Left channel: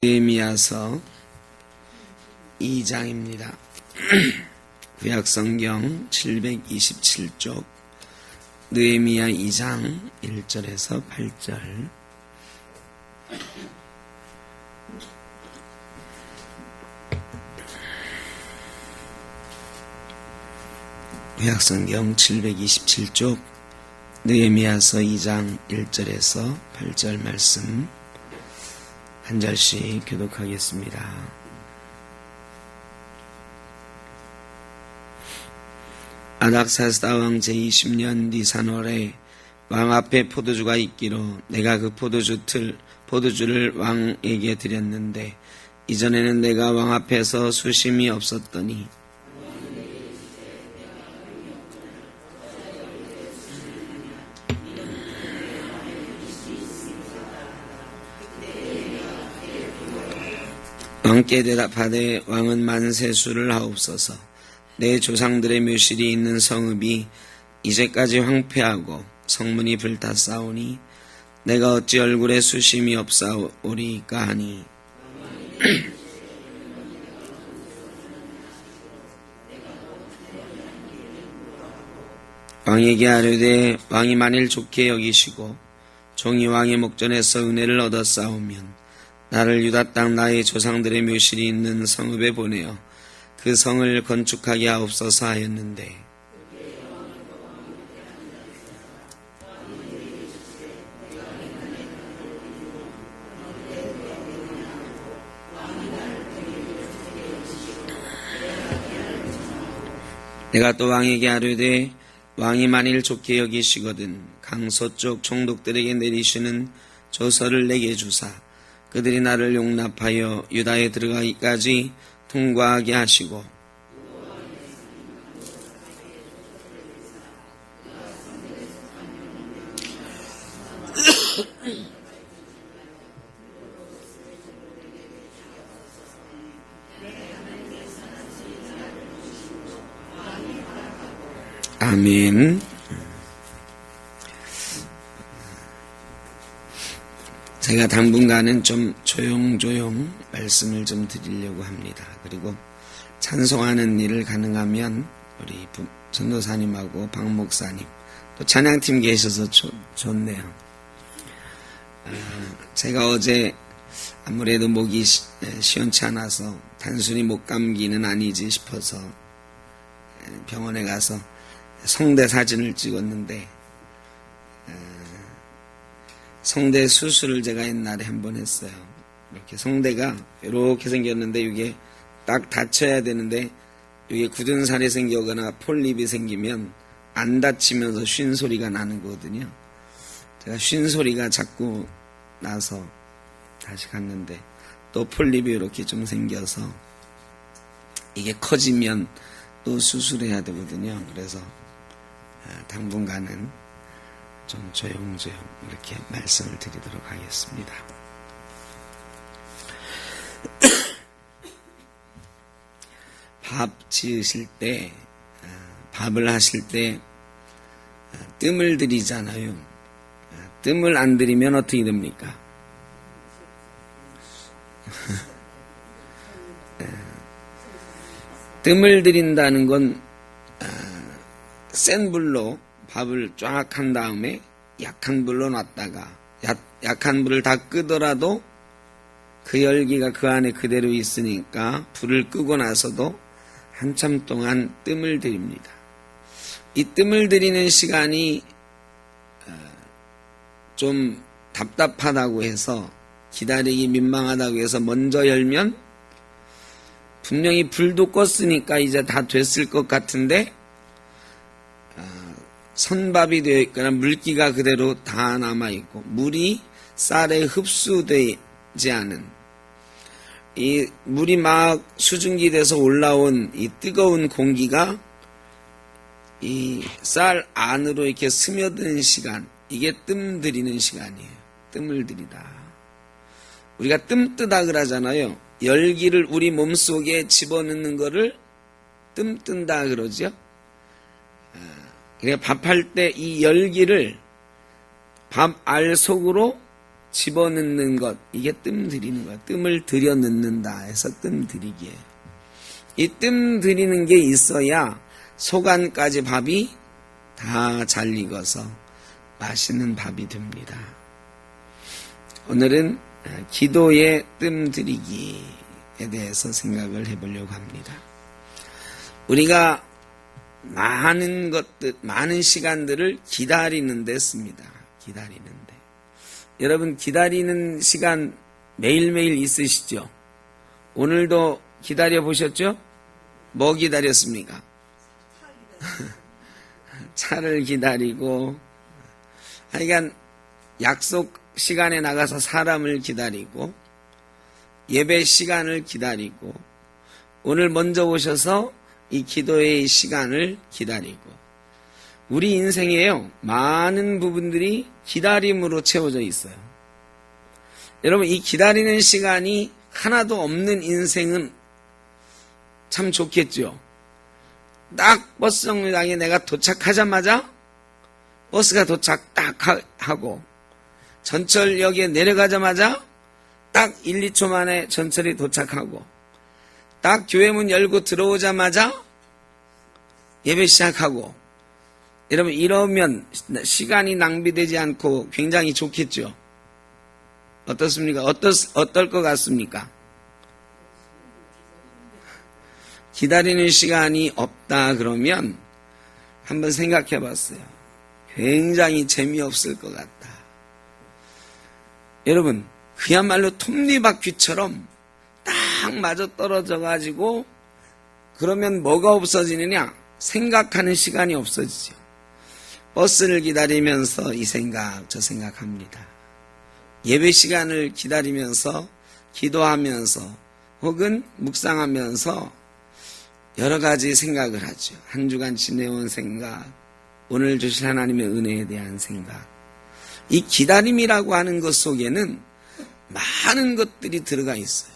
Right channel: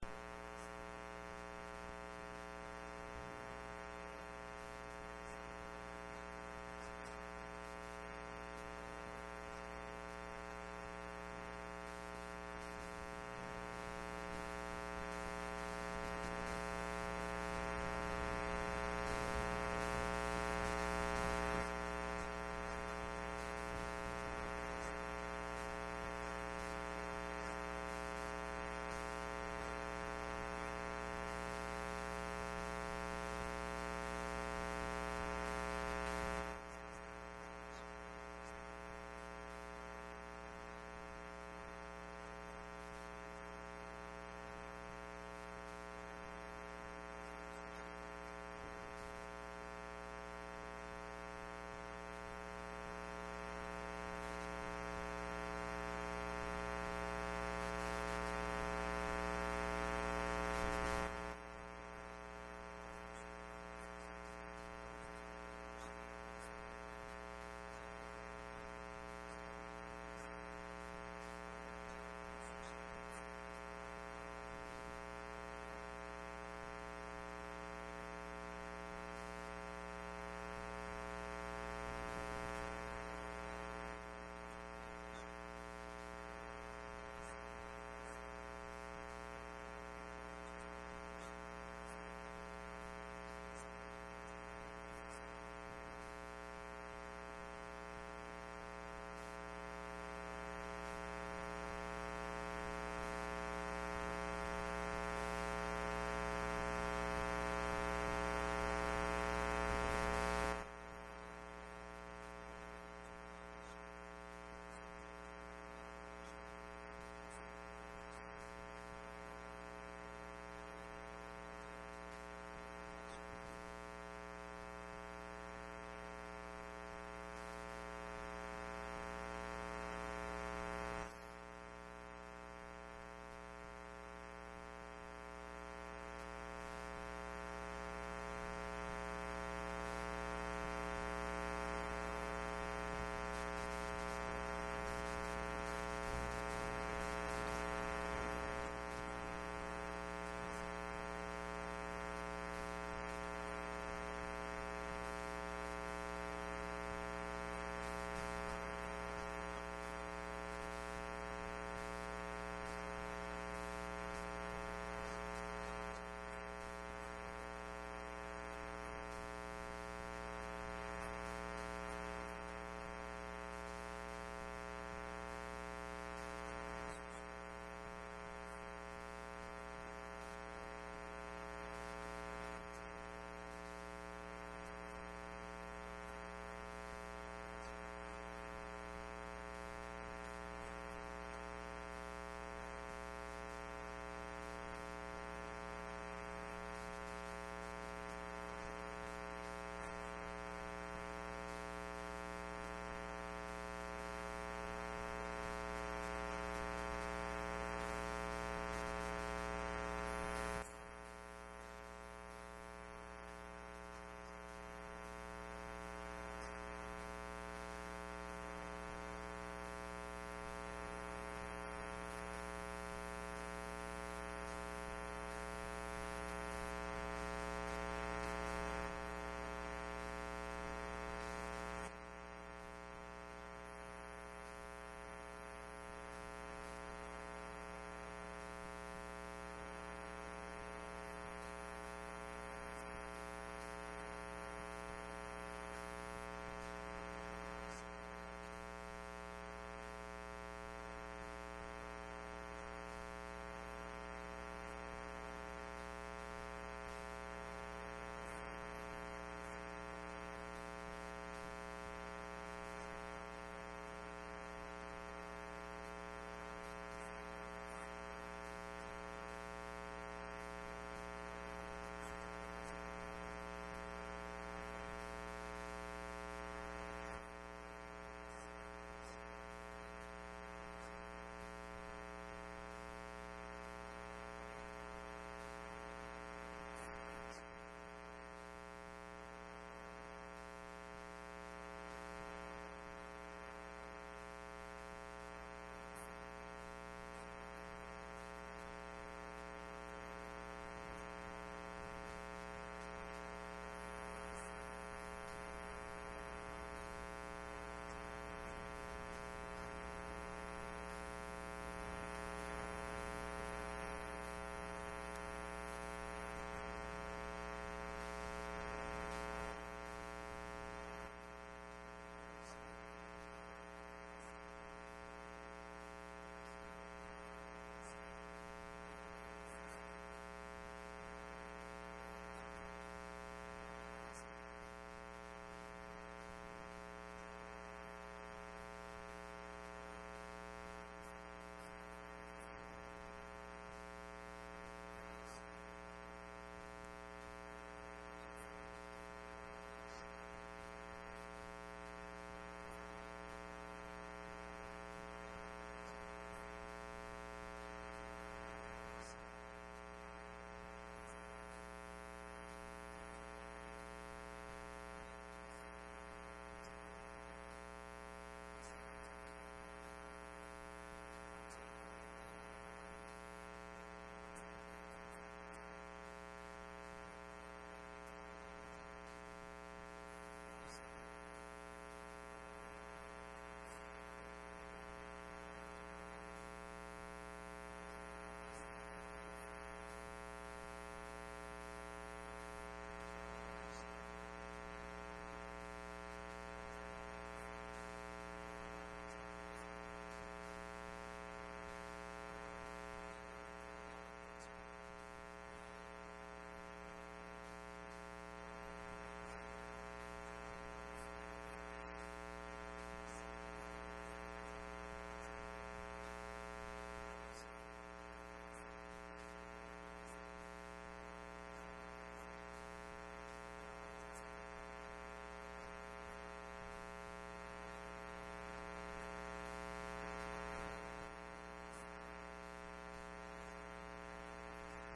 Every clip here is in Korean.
느헤미야서 2장입니다. 구약성경 727쪽 느헤미야 2장 1절에서 8절. 구약성경 727쪽 느헤미야서 2장 1절에서 8절 말씀 한 절씩 교독하겠습니다. 아닥사스다 왕 제20년 니산월에 왕 앞에 포도주가 있기로 내가 그 포도주를 왕에게 드렸는데 이전에는 내가 왕 앞에서 수심이 없었더니 왕께 대답하되 왕은 만세수를 하옵소서. 내 조상들의 묘실이 있는 성읍이 이제까지 황폐하고 성문이 불탔사오니 내가 어찌 얼굴에 수심이 없사오리까 하니 왕에게 아뢰되 왕이 만일 좋게 여기시고 종이 왕의 목전에서 은혜를 얻었사오면 나를 유다 땅 나의 조상들의 묘실이 있는 성읍에 보내어 그 성을 건축하게 하옵소서 하였는데 내가 또 왕에게 아뢰되 왕이 만일 좋게 여기시거든 강서쪽 총독들에게 내리시는 조서를 내게 주사 그들이 나를 용납하여 유다에 들어가기까지 통과하게 하시고 아멘. 제가 당분간은 좀 조용조용 말씀을 좀 드리려고 합니다. 그리고 찬송하는 일을 가능하면 우리 전도사님하고 박 목사님 또 찬양팀 계셔서 좋네요. 제가 어제 아무래도 목이 시원치 않아서 단순히 목 감기는 아니지 싶어서 병원에 가서 성대 사진을 찍었는데 성대 수술을 제가 옛날에 한번 했어요. 이렇게 성대가 이렇게 생겼는데 이게 딱 닫혀야 되는데 이게 굳은 살이 생기거나 폴립이 생기면 안 닫히면서 쉰 소리가 나는 거거든요. 제가 쉰 소리가 자꾸 나서 다시 갔는데 또 폴립이 이렇게 좀 생겨서 이게 커지면 또 수술해야 되거든요. 그래서 당분간은 좀 조용조용 이렇게 말씀을 드리도록 하겠습니다. 밥 지으실 때, 밥을 하실 때 뜸을 들이잖아요. 뜸을 안 들이면 어떻게 됩니까? 뜸을 들인다는 건 센 불로 밥을 쫙 한 다음에 약한 불로 놨다가 약한 불을 다 끄더라도 그 열기가 그 안에 그대로 있으니까 불을 끄고 나서도 한참 동안 뜸을 들입니다. 이 뜸을 들이는 시간이 좀 답답하다고 해서 기다리기 민망하다고 해서 먼저 열면 분명히 불도 껐으니까 이제 다 됐을 것 같은데 선밥이 되어 있거나 물기가 그대로 다 남아있고 물이 쌀에 흡수되지 않은 이 물이 막 수증기 돼서 올라온 이 뜨거운 공기가 이 쌀 안으로 이렇게 스며드는 시간, 이게 뜸 들이는 시간이에요. 뜸을 들이다. 우리가 뜸 뜨다 그러잖아요. 열기를 우리 몸속에 집어넣는 거를 뜸 뜬다 그러죠. 그러니까 밥할 때 이 열기를 밥 알 속으로 집어넣는 것, 이게 뜸 들이는 거야. 뜸을 들여 넣는다 해서 뜸 들이기예요. 이 뜸 들이는 게 있어야 소간까지 밥이 다 잘 익어서 맛있는 밥이 됩니다. 오늘은 기도의 뜸 들이기에 대해서 생각을 해보려고 합니다. 우리가 많은 것들, 많은 시간들을 기다리는 데 씁니다. 기다리는 데. 여러분, 기다리는 시간 매일매일 있으시죠? 오늘도 기다려 보셨죠? 뭐 기다렸습니까? 차를 기다리고, 하여간 약속 시간에 나가서 사람을 기다리고, 예배 시간을 기다리고, 오늘 먼저 오셔서 이 기도의 시간을 기다리고, 우리 인생에요, 많은 부분들이 기다림으로 채워져 있어요. 여러분, 이 기다리는 시간이 하나도 없는 인생은 참 좋겠죠. 딱 버스 정류장에 내가 도착하자마자 버스가 도착 딱 하고, 전철역에 내려가자마자 딱 1, 2초 만에 전철이 도착하고, 딱 교회 문 열고 들어오자마자 예배 시작하고, 여러분, 이러면 시간이 낭비되지 않고 굉장히 좋겠죠. 어떻습니까? 어떨 것 같습니까? 기다리는 시간이 없다 그러면 한번 생각해 봤어요. 굉장히 재미없을 것 같다. 여러분, 그야말로 톱니바퀴처럼 딱 맞아 떨어져 가지고, 그러면 뭐가 없어지느냐? 생각하는 시간이 없어지죠. 버스를 기다리면서 이 생각 저 생각합니다. 예배 시간을 기다리면서 기도하면서 혹은 묵상하면서 여러 가지 생각을 하죠. 한 주간 지내온 생각, 오늘 주실 하나님의 은혜에 대한 생각. 이 기다림이라고 하는 것 속에는 많은 것들이 들어가 있어요.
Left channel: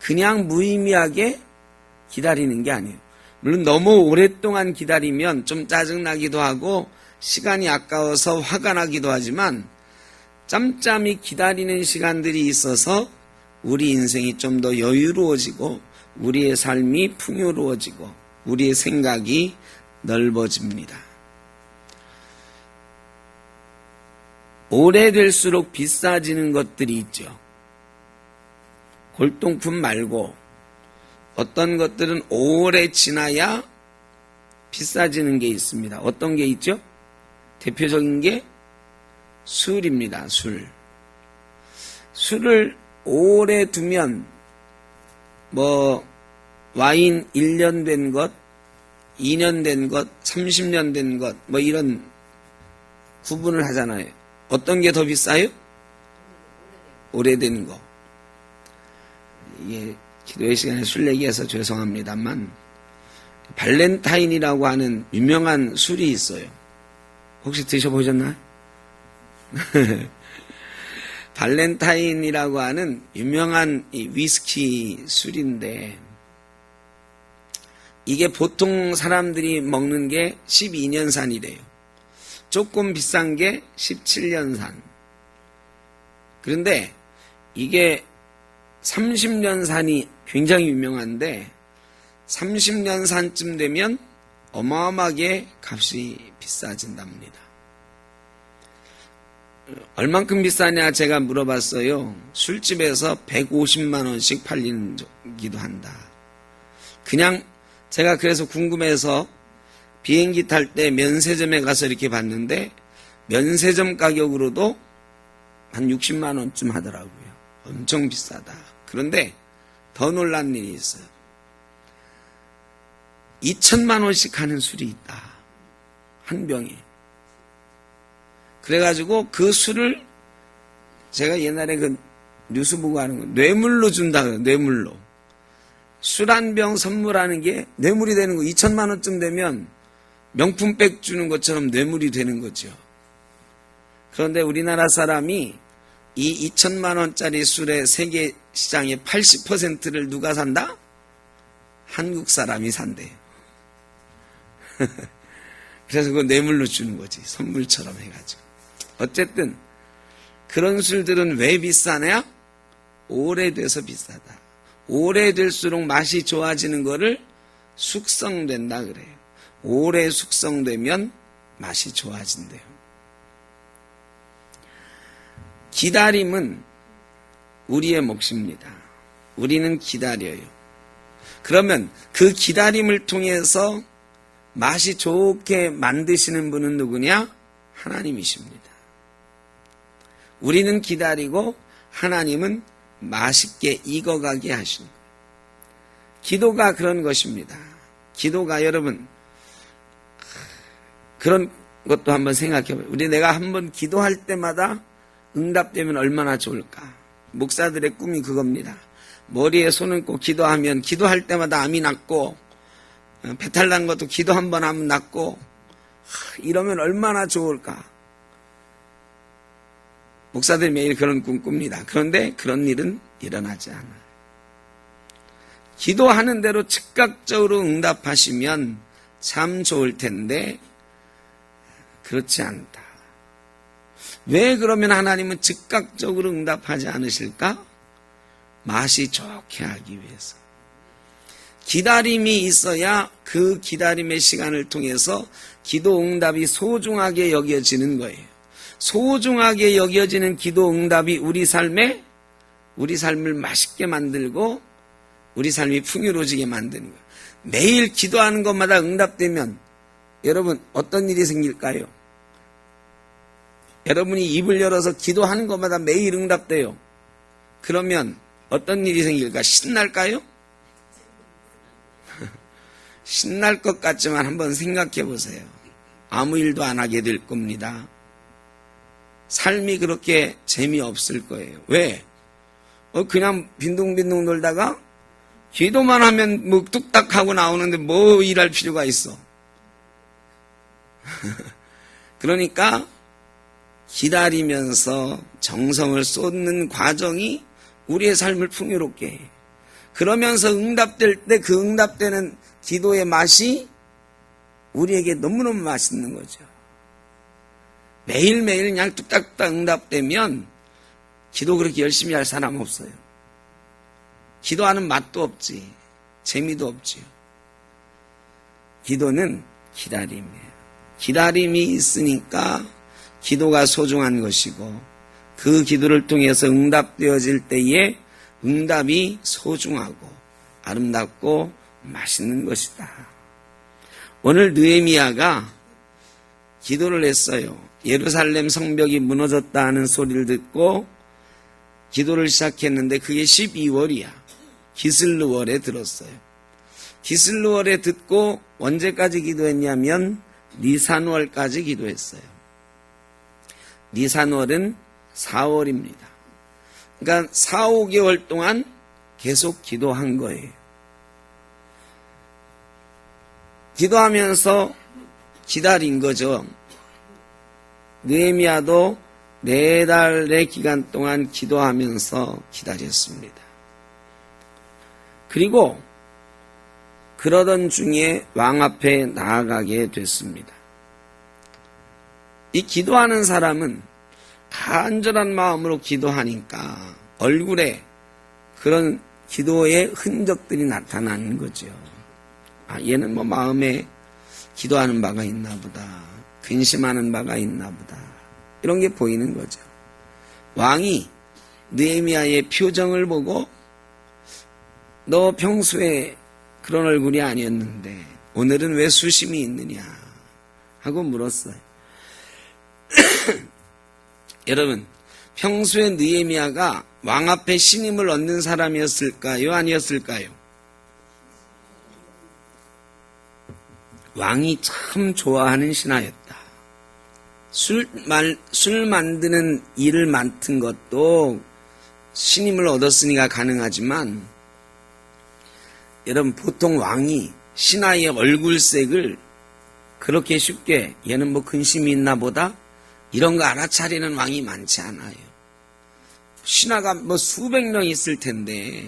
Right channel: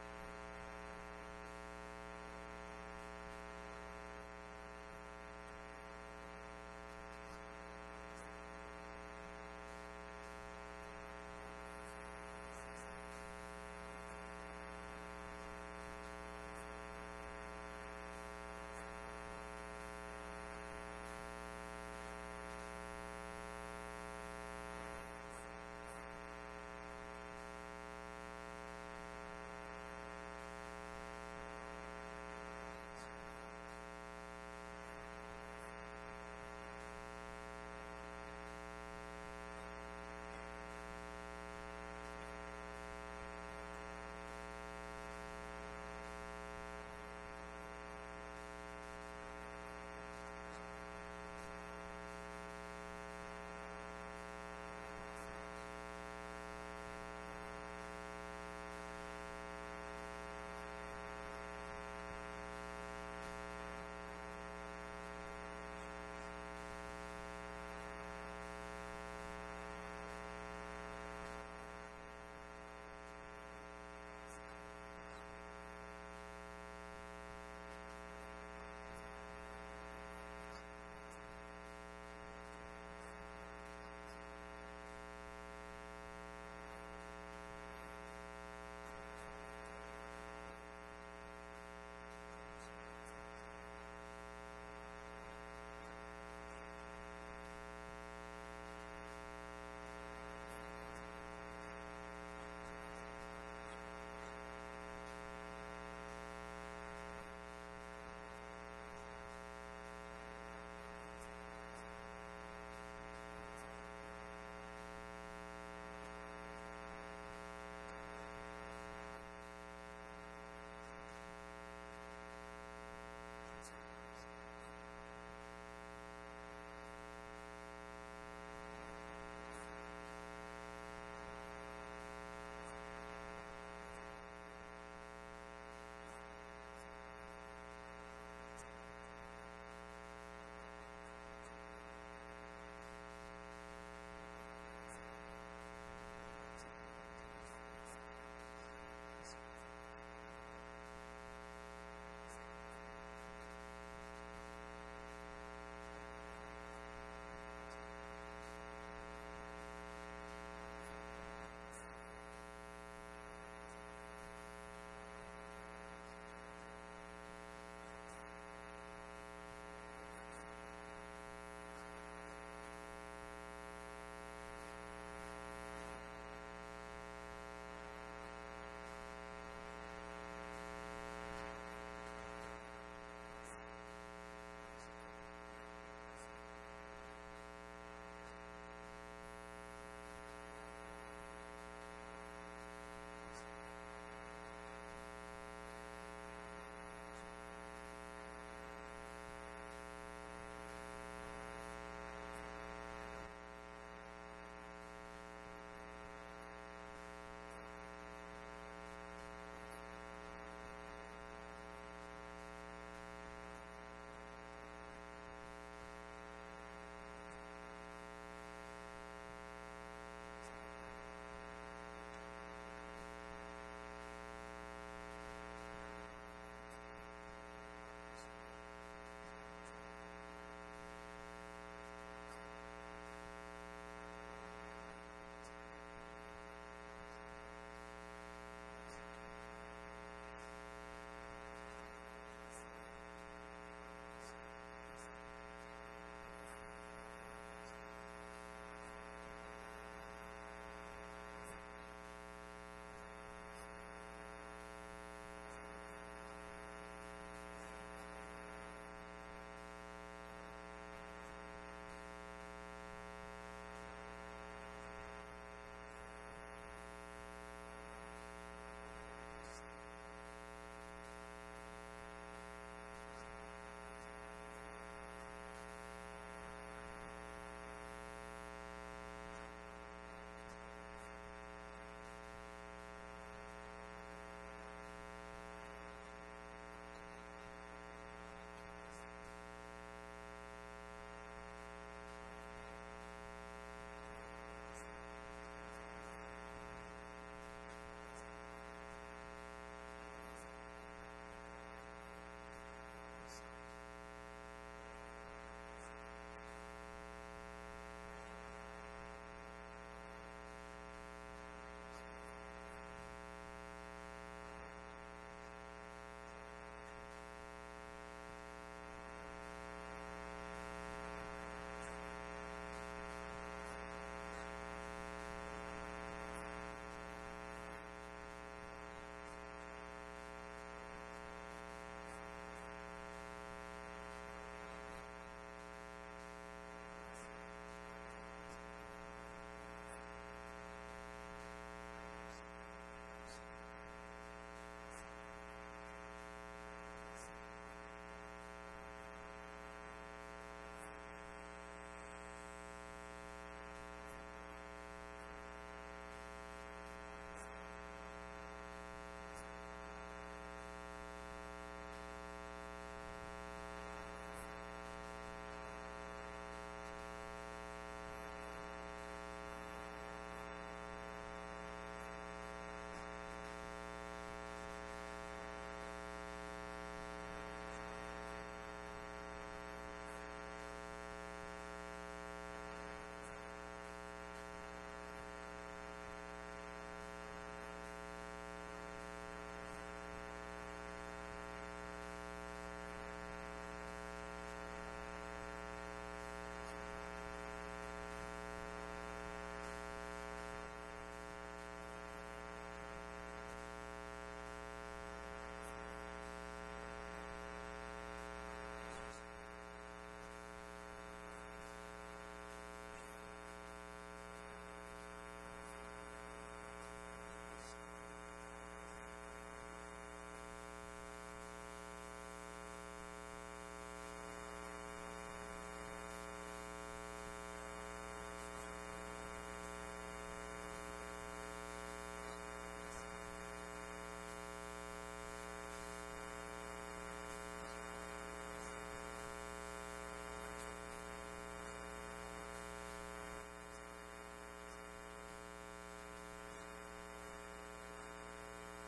그냥 무의미하게 기다리는 게 아니에요. 물론 너무 오랫동안 기다리면 좀 짜증나기도 하고 시간이 아까워서 화가 나기도 하지만, 짬짬이 기다리는 시간들이 있어서 우리 인생이 좀 더 여유로워지고 우리의 삶이 풍요로워지고 우리의 생각이 넓어집니다. 오래될수록 비싸지는 것들이 있죠. 골동품 말고 어떤 것들은 오래 지나야 비싸지는 게 있습니다. 어떤 게 있죠? 대표적인 게 술입니다. 술을 오래 두면 와인 1년 된 것, 2년 된 것, 30년 된 것, 이런 구분을 하잖아요. 어떤 게 더 비싸요? 오래된 거. 이게 기도의 시간에 술 얘기해서 죄송합니다만, 발렌타인이라고 하는 유명한 술이 있어요. 혹시 드셔보셨나요? 발렌타인이라고 하는 유명한 위스키 술인데, 이게 보통 사람들이 먹는 게 12년산이래요. 조금 비싼 게 17년산. 그런데 이게 30년산이 굉장히 유명한데, 30년산쯤 되면 어마어마하게 값이 비싸진답니다. 얼만큼 비싸냐 제가 물어봤어요. 술집에서 150만 원씩 팔리기도 한다. 그냥 제가 그래서 궁금해서 비행기 탈 때 면세점에 가서 이렇게 봤는데, 면세점 가격으로도 한 60만 원쯤 하더라고요. 엄청 비싸다. 그런데 더 놀란 일이 있어요. 2천만 원씩 하는 술이 있다. 한 병에. 그래가지고 그 술을 제가 옛날에 그 뉴스 보고 하는 거 뇌물로 준다 그래요. 뇌물로. 술 한 병 선물하는 게 뇌물이 되는 거. 2천만 원쯤 되면 명품백 주는 것처럼 뇌물이 되는 거죠. 그런데 우리나라 사람이 이 2천만 원짜리 술의 세계 시장의 80%를 누가 산다? 한국 사람이 산대요. 그래서 그거 뇌물로 주는 거지. 선물처럼 해가지고. 어쨌든 그런 술들은 왜 비싸냐? 오래돼서 비싸다. 오래될수록 맛이 좋아지는 거를 숙성된다 그래요. 오래 숙성되면 맛이 좋아진대요. 기다림은 우리의 몫입니다. 우리는 기다려요. 그러면 그 기다림을 통해서 맛이 좋게 만드시는 분은 누구냐? 하나님이십니다. 우리는 기다리고 하나님은 맛있게 익어가게 하십니다. 기도가 그런 것입니다. 기도가 여러분 그런 것도 한번 생각해봐요. 내가 한번 기도할 때마다 응답되면 얼마나 좋을까. 목사들의 꿈이 그겁니다. 머리에 손 얹고 기도하면 기도할 때마다 암이 낫고 배탈 난 것도 기도 한번 하면 낫고 이러면 얼마나 좋을까. 목사들이 매일 그런 꿈 꿉니다. 그런데 그런 일은 일어나지 않아요. 기도하는 대로 즉각적으로 응답하시면 참 좋을 텐데 그렇지 않다. 왜 그러면 하나님은 즉각적으로 응답하지 않으실까? 맛이 좋게 하기 위해서. 기다림이 있어야 그 기다림의 시간을 통해서 기도 응답이 소중하게 여겨지는 거예요. 소중하게 여겨지는 기도 응답이 우리 삶을 맛있게 만들고 우리 삶이 풍요로워지게 만드는 거예요. 매일 기도하는 것마다 응답되면 여러분 어떤 일이 생길까요? 여러분이 입을 열어서 기도하는 것마다 매일 응답돼요. 그러면 어떤 일이 생길까? 신날까요? 신날 것 같지만 한번 생각해 보세요. 아무 일도 안 하게 될 겁니다. 삶이 그렇게 재미없을 거예요. 왜? 그냥 빈둥빈둥 놀다가 기도만 하면 뭐 뚝딱 하고 나오는데 뭐 일할 필요가 있어. 그러니까 기다리면서 정성을 쏟는 과정이 우리의 삶을 풍요롭게 해요. 그러면서 응답될 때 그 응답되는 기도의 맛이 우리에게 너무너무 맛있는 거죠. 매일매일 그냥 뚝딱뚝딱 응답되면 기도 그렇게 열심히 할 사람 없어요. 기도하는 맛도 없지, 재미도 없지요. 기도는 기다림이에요. 기다림이 있으니까 기도가 소중한 것이고 그 기도를 통해서 응답되어질 때에 응답이 소중하고 아름답고 맛있는 것이다. 오늘 느헤미야가 기도를 했어요. 예루살렘 성벽이 무너졌다 하는 소리를 듣고 기도를 시작했는데 그게 12월이야. 기슬르월에 들었어요. 기슬르월에 듣고 언제까지 기도했냐면 니산월까지 기도했어요. 니산월은 4월입니다. 그러니까 4, 5개월 동안 계속 기도한 거예요. 기도하면서 기다린 거죠. 느헤미야도 4달의 기간 동안 기도하면서 기다렸습니다. 그리고 그러던 중에 왕 앞에 나아가게 됐습니다. 이 기도하는 사람은 간절한 마음으로 기도하니까 얼굴에 그런 기도의 흔적들이 나타나는 거죠. 얘는 뭐 마음에 기도하는 바가 있나 보다. 근심하는 바가 있나 보다. 이런 게 보이는 거죠. 왕이 느헤미야의 표정을 보고 너 평소에 그런 얼굴이 아니었는데 오늘은 왜 수심이 있느냐 하고 물었어요. 여러분, 평소에 느헤미야가 왕 앞에 신임을 얻는 사람이었을까요? 아니었을까요? 왕이 참 좋아하는 신하였다. 술 만드는 일을 맡은 것도 신임을 얻었으니까 가능하지만 여러분 보통 왕이 신하의 얼굴색을 그렇게 쉽게 얘는 뭐 근심이 있나 보다 이런 거 알아차리는 왕이 많지 않아요. 신하가 뭐 수백 명 있을 텐데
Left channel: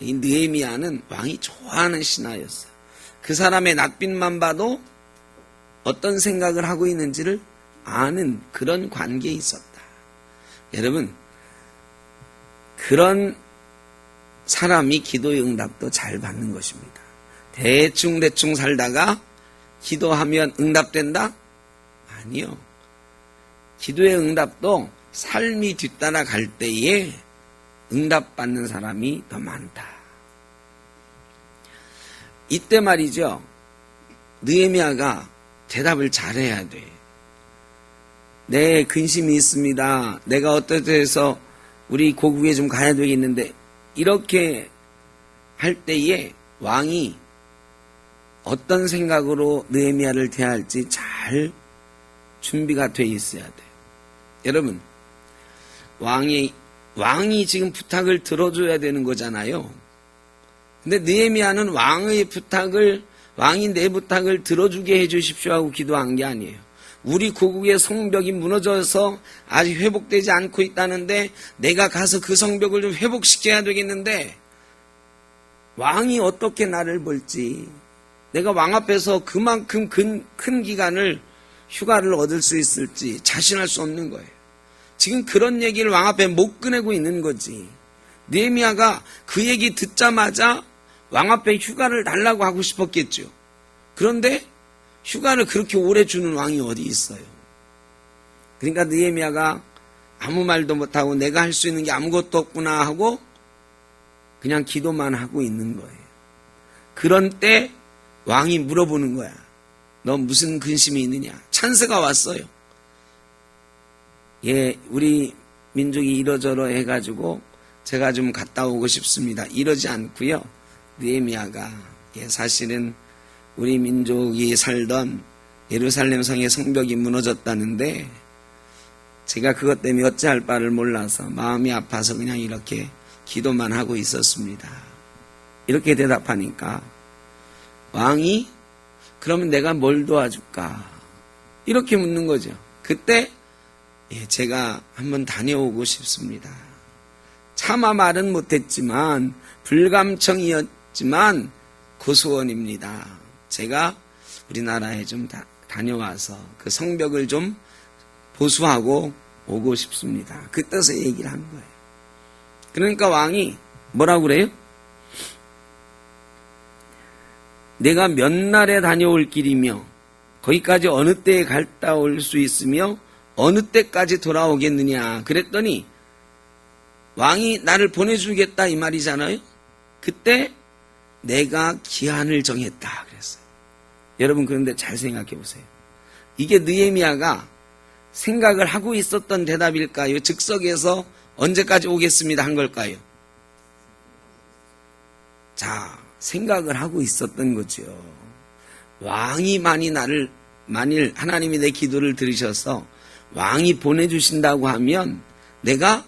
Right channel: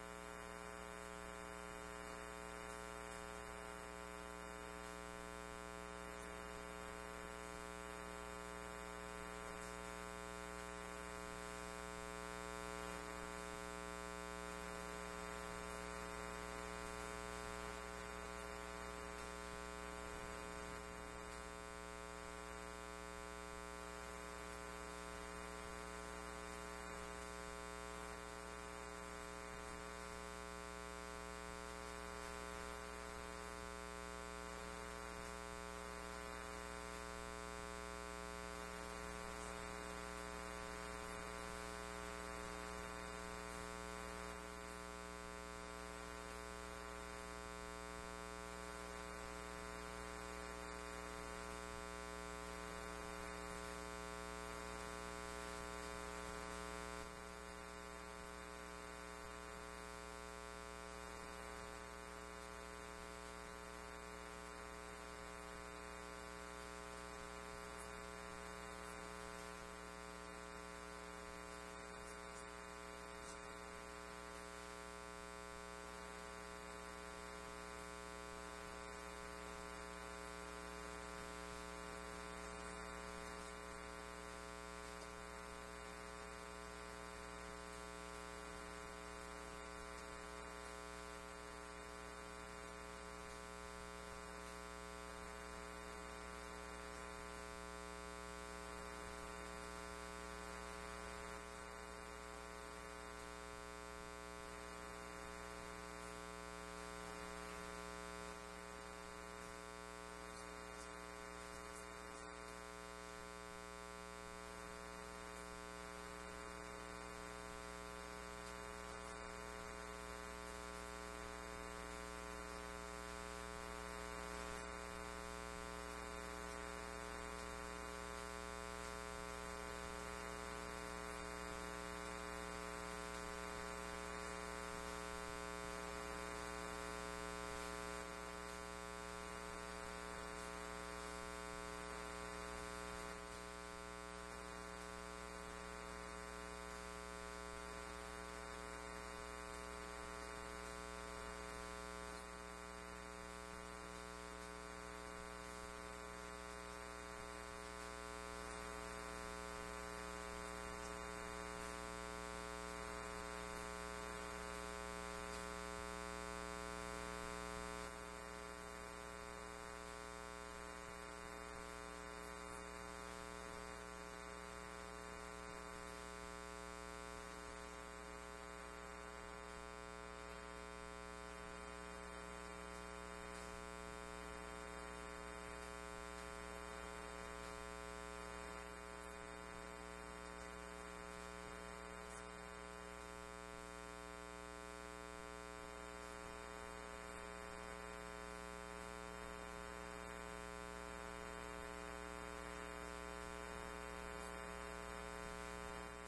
이 느헤미야는 왕이 좋아하는 신하였어요. 그 사람의 낯빛만 봐도 어떤 생각을 하고 있는지를 아는 그런 관계에 있었다. 여러분, 그런 사람이 기도의 응답도 잘 받는 것입니다. 대충 살다가 기도하면 응답된다? 아니요. 기도의 응답도 삶이 뒤따라 갈 때에 응답받는 사람이 더 많다. 이때 말이죠. 느헤미야가 대답을 잘해야 돼. 내 근심이 있습니다. 내가 어떻게 해서 우리 고국에 좀 가야 되겠는데, 이렇게 할 때에 왕이 어떤 생각으로 느헤미야를 대할지 잘 준비가 돼 있어야 돼요. 여러분, 왕이 지금 부탁을 들어줘야 되는 거잖아요. 근데 느헤미야는 왕이 내 부탁을 들어주게 해주십시오 하고 기도한 게 아니에요. 우리 고국의 성벽이 무너져서 아직 회복되지 않고 있다는데 내가 가서 그 성벽을 좀 회복시켜야 되겠는데 왕이 어떻게 나를 볼지, 내가 왕 앞에서 그만큼 큰 기간을 휴가를 얻을 수 있을지 자신할 수 없는 거예요. 지금 그런 얘기를 왕 앞에 못 꺼내고 있는 거지. 느헤미야가 그 얘기 듣자마자 왕 앞에 휴가를 달라고 하고 싶었겠죠. 그런데 휴가를 그렇게 오래 주는 왕이 어디 있어요. 그러니까 느헤미야가 아무 말도 못하고 내가 할 수 있는 게 아무것도 없구나 하고 그냥 기도만 하고 있는 거예요. 그런 때 왕이 물어보는 거야. 너 무슨 근심이 있느냐? 찬스가 왔어요. 예, 우리 민족이 이러저러 해가지고 제가 좀 갔다 오고 싶습니다. 이러지 않고요. 느헤미야가 사실은 우리 민족이 살던 예루살렘 성의 성벽이 무너졌다는데 제가 그것 때문에 어찌할 바를 몰라서 마음이 아파서 그냥 이렇게 기도만 하고 있었습니다. 이렇게 대답하니까 왕이 그러면 내가 뭘 도와줄까? 이렇게 묻는 거죠. 그때 제가 한번 다녀오고 싶습니다. 차마 말은 못했지만 불감청이었지만 고소원입니다. 제가 우리나라에 좀 다녀와서 그 성벽을 좀 보수하고 오고 싶습니다. 그 뜻의 얘기를 한 거예요. 그러니까 왕이 뭐라고 그래요? 내가 몇 날에 다녀올 길이며 거기까지 어느 때에 갔다 올 수 있으며 어느 때까지 돌아오겠느냐 그랬더니 왕이 나를 보내주겠다 이 말이잖아요. 그때 내가 기한을 정했다 그랬어요. 여러분, 그런데 잘 생각해 보세요. 이게 느헤미야가 생각을 하고 있었던 대답일까요? 즉석에서 언제까지 오겠습니다 한 걸까요? 자, 생각을 하고 있었던 거죠. 왕이 만일 하나님이 내 기도를 들으셔서 왕이 보내주신다고 하면 내가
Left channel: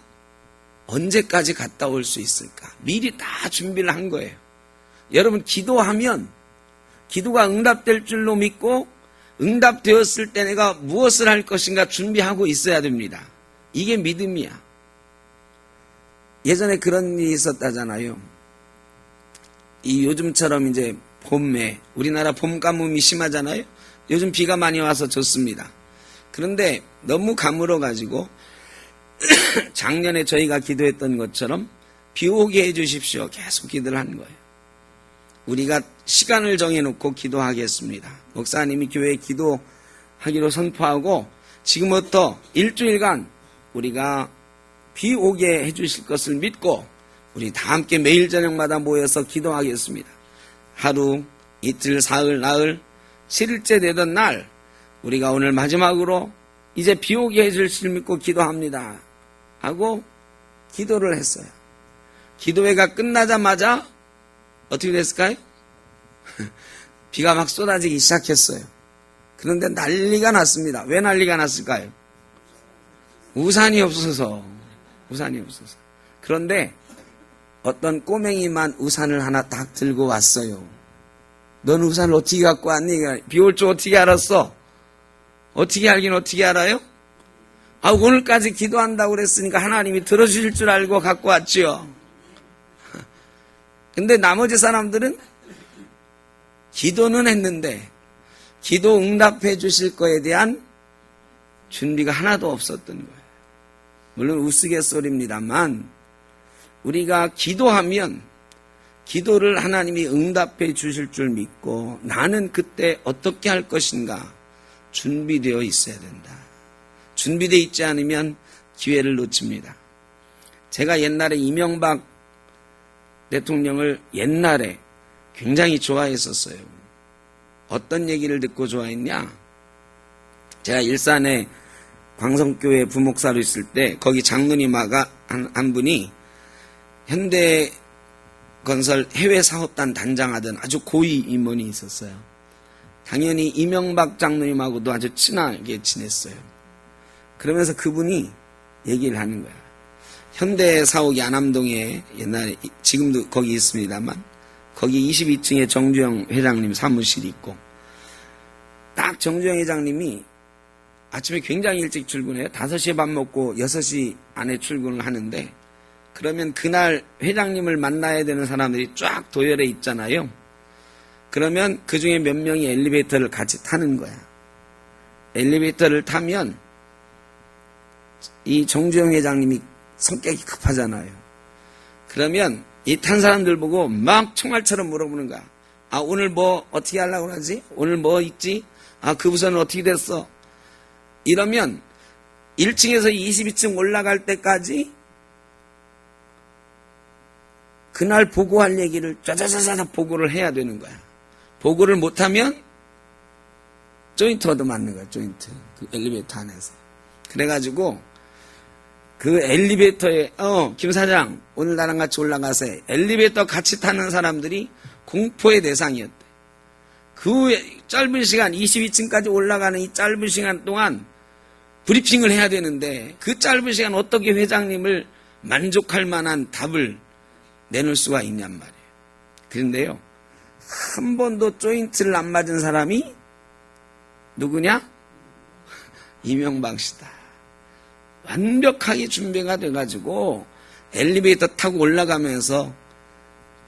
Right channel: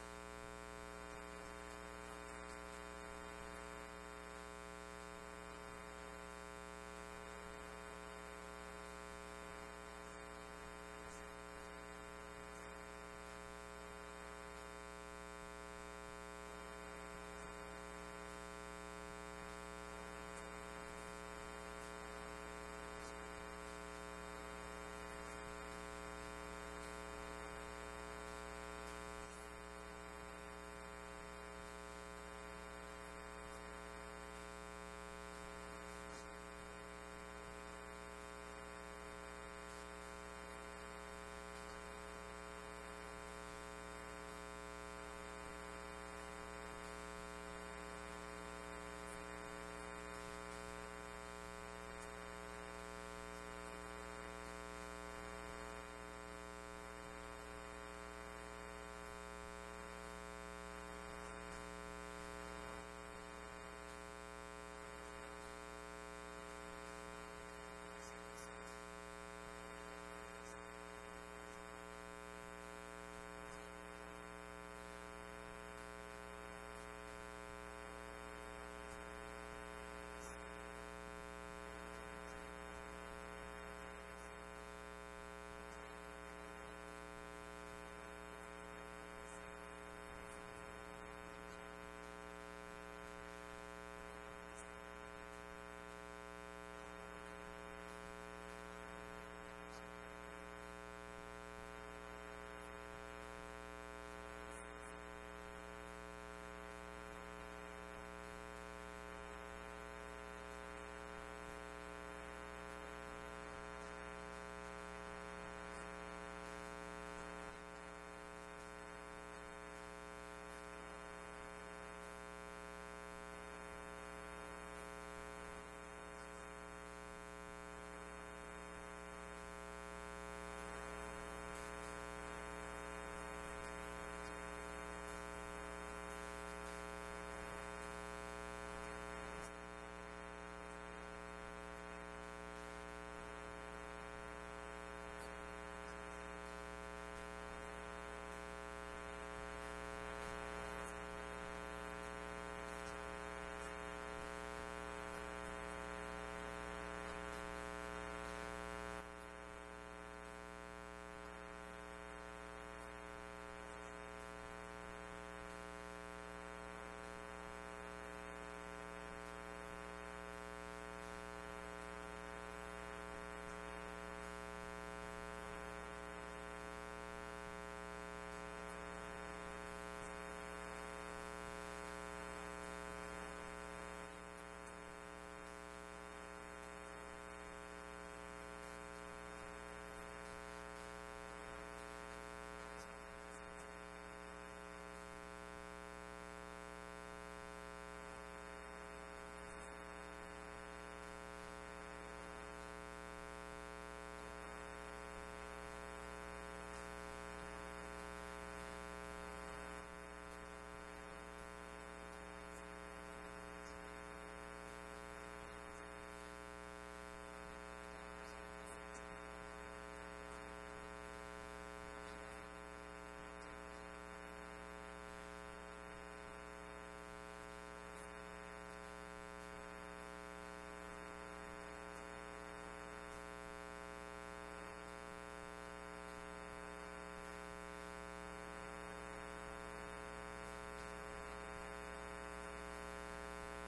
언제까지 갔다 올 수 있을까? 미리 다 준비를 한 거예요. 여러분, 기도하면 기도가 응답될 줄로 믿고 응답되었을 때 내가 무엇을 할 것인가 준비하고 있어야 됩니다. 이게 믿음이야. 예전에 그런 일이 있었다잖아요. 이 요즘처럼 이제 봄에 우리나라 봄 가뭄이 심하잖아요. 요즘 비가 많이 와서 좋습니다. 그런데 너무 가물어가지고 작년에 저희가 기도했던 것처럼 비 오게 해주십시오. 계속 기도를 한 거예요. 우리가 시간을 정해놓고 기도하겠습니다. 목사님이 교회에 기도하기로 선포하고 지금부터 일주일간 우리가 비 오게 해주실 것을 믿고 우리 다 함께 매일 저녁마다 모여서 기도하겠습니다. 하루, 이틀, 사흘, 나흘, 7일째 되던 날 우리가 오늘 마지막으로 이제 비 오게 해줄 줄 믿고 기도합니다 하고 기도를 했어요. 기도회가 끝나자마자 어떻게 됐을까요? 비가 막 쏟아지기 시작했어요. 그런데 난리가 났습니다. 왜 난리가 났을까요? 우산이 없어서. 그런데 어떤 꼬맹이만 우산을 하나 딱 들고 왔어요. 넌 우산을 어떻게 갖고 왔니? 비 올 줄 어떻게 알았어? 어떻게 알긴 어떻게 알아요? 오늘까지 기도한다고 그랬으니까 하나님이 들어주실 줄 알고 갖고 왔죠. 근데 나머지 사람들은 기도는 했는데 기도 응답해 주실 거에 대한 준비가 하나도 없었던 거예요. 물론 우스갯소리입니다만 우리가 기도하면 기도를 하나님이 응답해 주실 줄 믿고 나는 그때 어떻게 할 것인가 준비되어 있어야 된다. 준비되어 있지 않으면 기회를 놓칩니다. 제가 옛날에 이명박 대통령을 옛날에 굉장히 좋아했었어요. 어떤 얘기를 듣고 좋아했냐? 제가 일산에 광성교회 부목사로 있을 때 거기 장로님아가 한 분이 현대건설 해외사업단 단장하던 아주 고위 임원이 있었어요. 당연히 이명박 장로님하고도 아주 친하게 지냈어요. 그러면서 그분이 얘기를 하는 거예요. 현대사옥이 안암동에 옛날에 지금도 거기 있습니다만 거기 22층에 정주영 회장님 사무실이 있고 딱 정주영 회장님이 아침에 굉장히 일찍 출근해요. 5시에 밥 먹고 6시 안에 출근을 하는데 그러면 그날 회장님을 만나야 되는 사람들이 쫙 도열해 있잖아요. 그러면 그 중에 몇 명이 엘리베이터를 같이 타는 거야. 엘리베이터를 타면 이 정주영 회장님이 성격이 급하잖아요. 그러면 이 탄 사람들 보고 막 총알처럼 물어보는 거야. 아, 오늘 뭐 어떻게 하려고 그러지? 오늘 뭐 있지? 아, 그 부서는 어떻게 됐어? 이러면 1층에서 22층 올라갈 때까지 그날 보고할 얘기를 짜자자자 보고를 해야 되는 거야. 보고를 못하면 조인트 얻어맞는 거야. 조인트. 그 엘리베이터 안에서. 그래가지고 그 엘리베이터에 김 사장 오늘 나랑 같이 올라가세요. 엘리베이터 같이 타는 사람들이 공포의 대상이었대. 그 짧은 시간 22층까지 올라가는 이 짧은 시간 동안 브리핑을 해야 되는데 그 짧은 시간 어떻게 회장님을 만족할 만한 답을 내놓을 수가 있냔 말이에요. 그런데요, 한 번도 조인트를 안 맞은 사람이 누구냐? 이명박 씨다. 완벽하게 준비가 돼가지고 엘리베이터 타고 올라가면서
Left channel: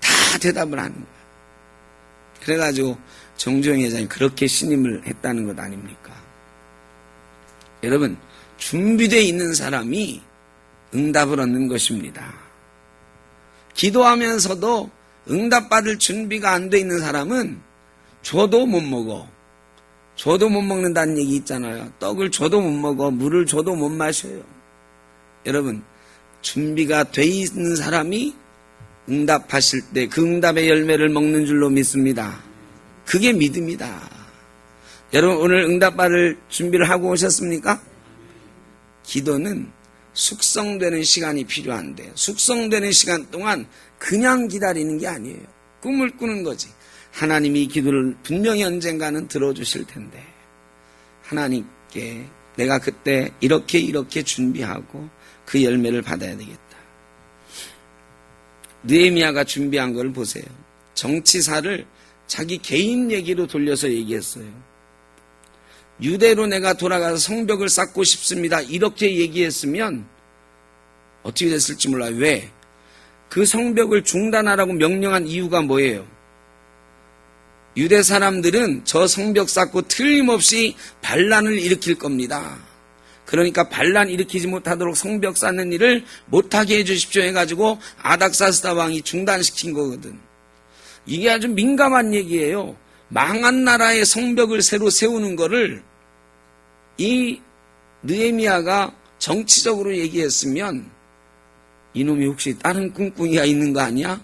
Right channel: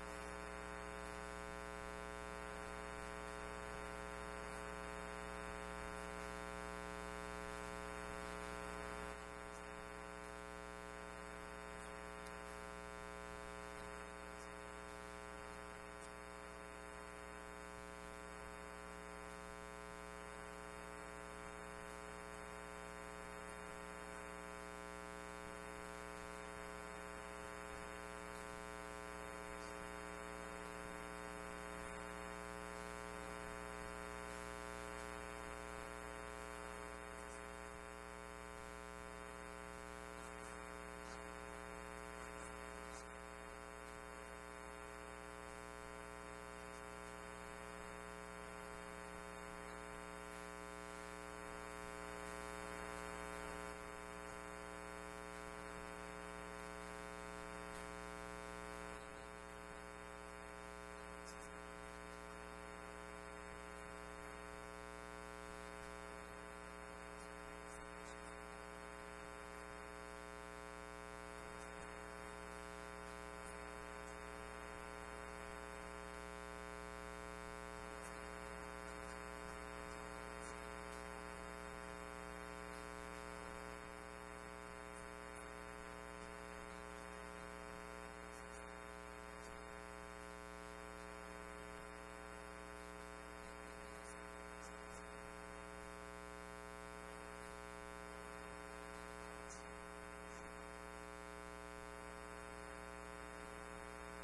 다 대답을 하는 거예요. 그래가지고 정주영 회장이 그렇게 신임을 했다는 것 아닙니까? 여러분, 준비되어 있는 사람이 응답을 얻는 것입니다. 기도하면서도 응답받을 준비가 안 돼 있는 사람은 줘도 못 먹어. 줘도 못 먹는다는 얘기 있잖아요. 떡을 줘도 못 먹어. 물을 줘도 못 마셔요. 여러분, 준비가 돼 있는 사람이 응답하실 때 그 응답의 열매를 먹는 줄로 믿습니다. 그게 믿음이다. 여러분, 오늘 응답받을 준비를 하고 오셨습니까? 기도는 숙성되는 시간이 필요한데 숙성되는 시간 동안 그냥 기다리는 게 아니에요. 꿈을 꾸는 거지. 하나님이 이 기도를 분명히 언젠가는 들어주실 텐데 하나님께 내가 그때 이렇게 준비하고 그 열매를 받아야 되겠다. 느헤미야가 준비한 걸 보세요. 정치사를 자기 개인 얘기로 돌려서 얘기했어요. 유대로 내가 돌아가서 성벽을 쌓고 싶습니다. 이렇게 얘기했으면 어떻게 됐을지 몰라요. 왜? 그 성벽을 중단하라고 명령한 이유가 뭐예요? 유대 사람들은 저 성벽 쌓고 틀림없이 반란을 일으킬 겁니다. 그러니까 반란 일으키지 못하도록 성벽 쌓는 일을 못하게 해주십시오 해가지고 아닥사스다 왕이 중단시킨 거거든. 이게 아주 민감한 얘기예요. 망한 나라의 성벽을 새로 세우는 거를 이 느헤미야가 정치적으로 얘기했으면 이놈이 혹시 다른 꿍꿍이가 있는 거 아니야?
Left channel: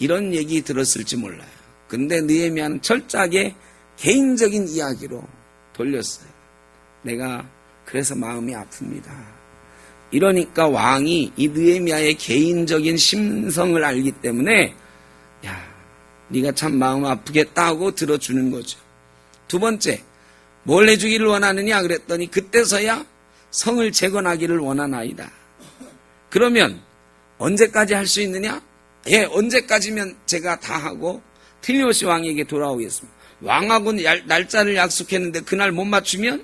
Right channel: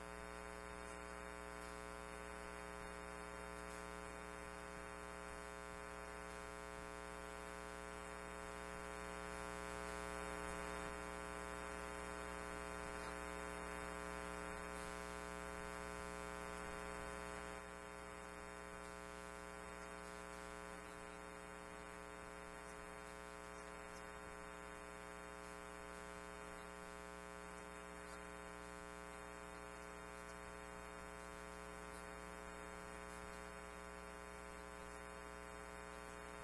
이런 얘기 들었을지 몰라요. 근데 느헤미야는 철저하게 개인적인 이야기로 돌렸어요. 내가 그래서 마음이 아픕니다. 이러니까 왕이 이 느헤미야의 개인적인 심성을 알기 때문에 야, 네가 참 마음 아프겠다 하고 들어주는 거죠. 두 번째, 뭘 해주기를 원하느냐 그랬더니 그때서야 성을 재건하기를 원하나이다. 그러면 언제까지 할 수 있느냐? 예, 언제까지면 제가 다 하고 틀림없이 왕에게 돌아오겠습니다. 왕하고 날짜를 약속했는데 그날 못 맞추면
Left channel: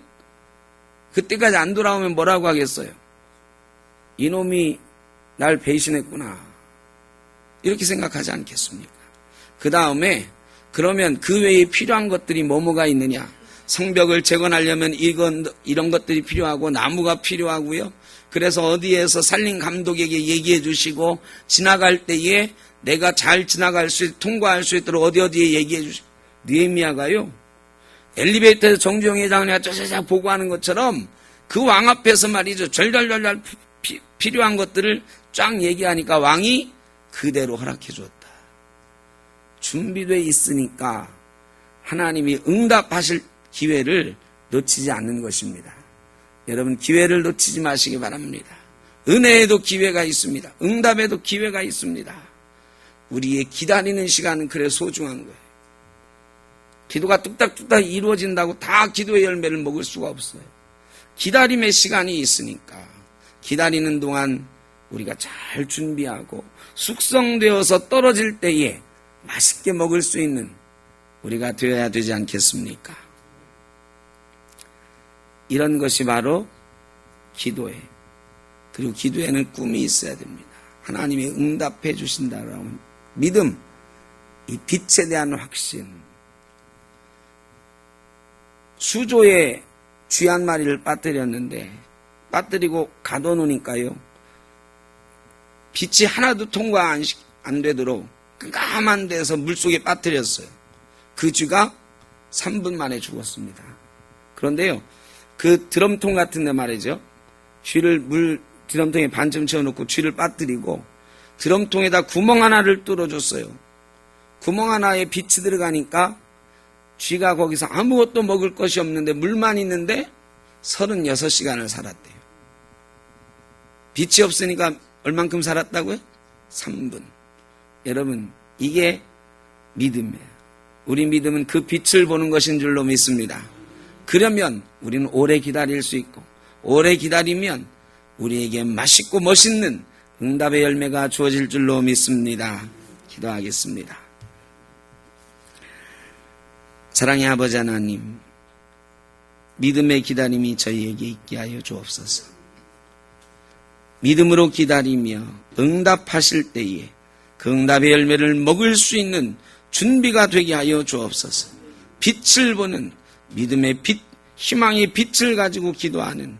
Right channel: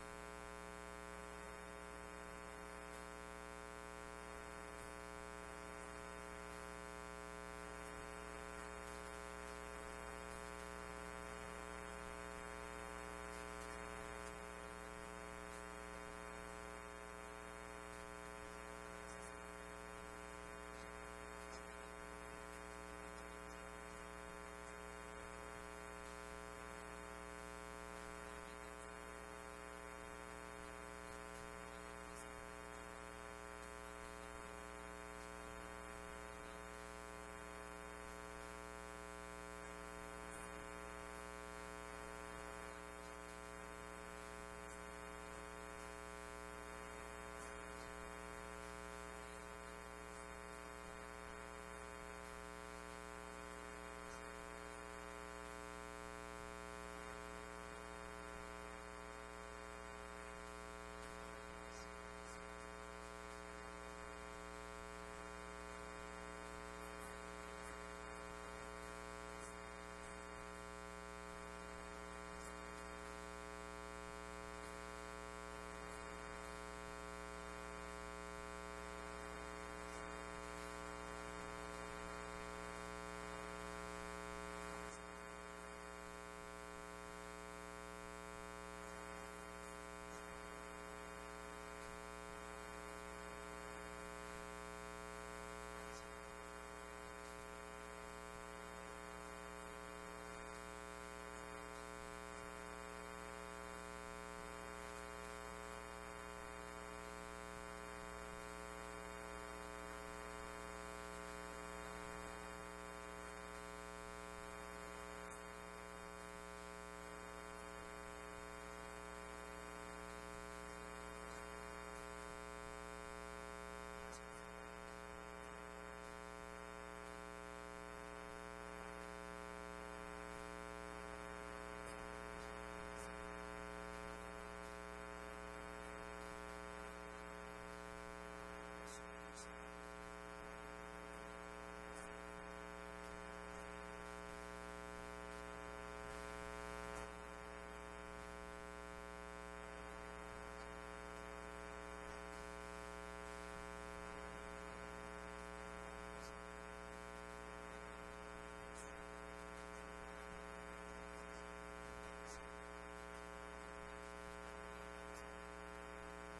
그때까지 안 돌아오면 뭐라고 하겠어요? 이놈이 날 배신했구나. 이렇게 생각하지 않겠습니까? 그 다음에 그러면 그 외에 필요한 것들이 뭐가 있느냐? 성벽을 재건하려면 이런 것들이 필요하고 나무가 필요하고요. 그래서 어디에서 산림 감독에게 얘기해 주시고 지나갈 때에 내가 잘 지나갈 수 통과할 수 있도록 어디에 얘기해 주시고 느헤미야가요. 엘리베이터에서 정주영 회장이 짜자자 보고하는 것처럼 그 왕 앞에서 말이죠. 절절절절 필요한 것들을 쫙 얘기하니까 왕이 그대로 허락해 줬다. 준비되어 있으니까 하나님이 응답하실 기회를 놓치지 않는 것입니다. 여러분 기회를 놓치지 마시기 바랍니다. 은혜에도 기회가 있습니다. 응답에도 기회가 있습니다. 우리의 기다리는 시간은 그래 소중한 거예요. 기도가 뚝딱뚝딱 이루어진다고 다 기도의 열매를 먹을 수가 없어요. 기다림의 시간이 있으니까 기다리는 동안 우리가 잘 준비하고 숙성되어서 떨어질 때에 맛있게 먹을 수 있는 우리가 되어야 되지 않겠습니까? 이런 것이 바로 기도예요. 그리고 기도에는 꿈이 있어야 됩니다. 하나님이 응답해 주신다라는 믿음, 이 빛에 대한 확신. 수조에 쥐 한 마리를 빠뜨렸는데 빠뜨리고 가둬놓으니까요. 빛이 하나도 통과 안 되도록 깜깜한 데서 물속에 빠뜨렸어요. 그 쥐가 3분 만에 죽었습니다. 그런데요. 그 드럼통 같은 데 말이죠. 쥐를 드럼통에 반쯤 채워놓고 쥐를 빠뜨리고 드럼통에다 구멍 하나를 뚫어줬어요. 구멍 하나에 빛이 들어가니까 쥐가 거기서 아무것도 먹을 것이 없는데 물만 있는데 36시간을 살았대요. 빛이 없으니까 얼만큼 살았다고요? 3분. 여러분 이게 믿음이에요. 우리 믿음은 그 빛을 보는 것인 줄로 믿습니다. 그러면 우리는 오래 기다릴 수 있고 오래 기다리면 우리에게 맛있고 멋있는 응답의 열매가 주어질 줄로 믿습니다. 기도하겠습니다. 사랑의 아버지 하나님, 믿음의 기다림이 저희에게 있게 하여 주옵소서. 믿음으로 기다리며 응답하실 때에 그 응답의 열매를 먹을 수 있는 준비가 되게 하여 주옵소서. 빛을 보는 믿음의 빛, 희망의 빛을 가지고 기도하는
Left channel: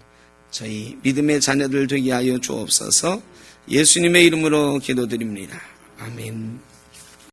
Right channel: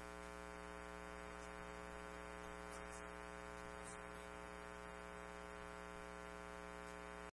저희 믿음의 자녀들 되게 하여 주옵소서. 예수님의 이름으로 기도드립니다. 아멘.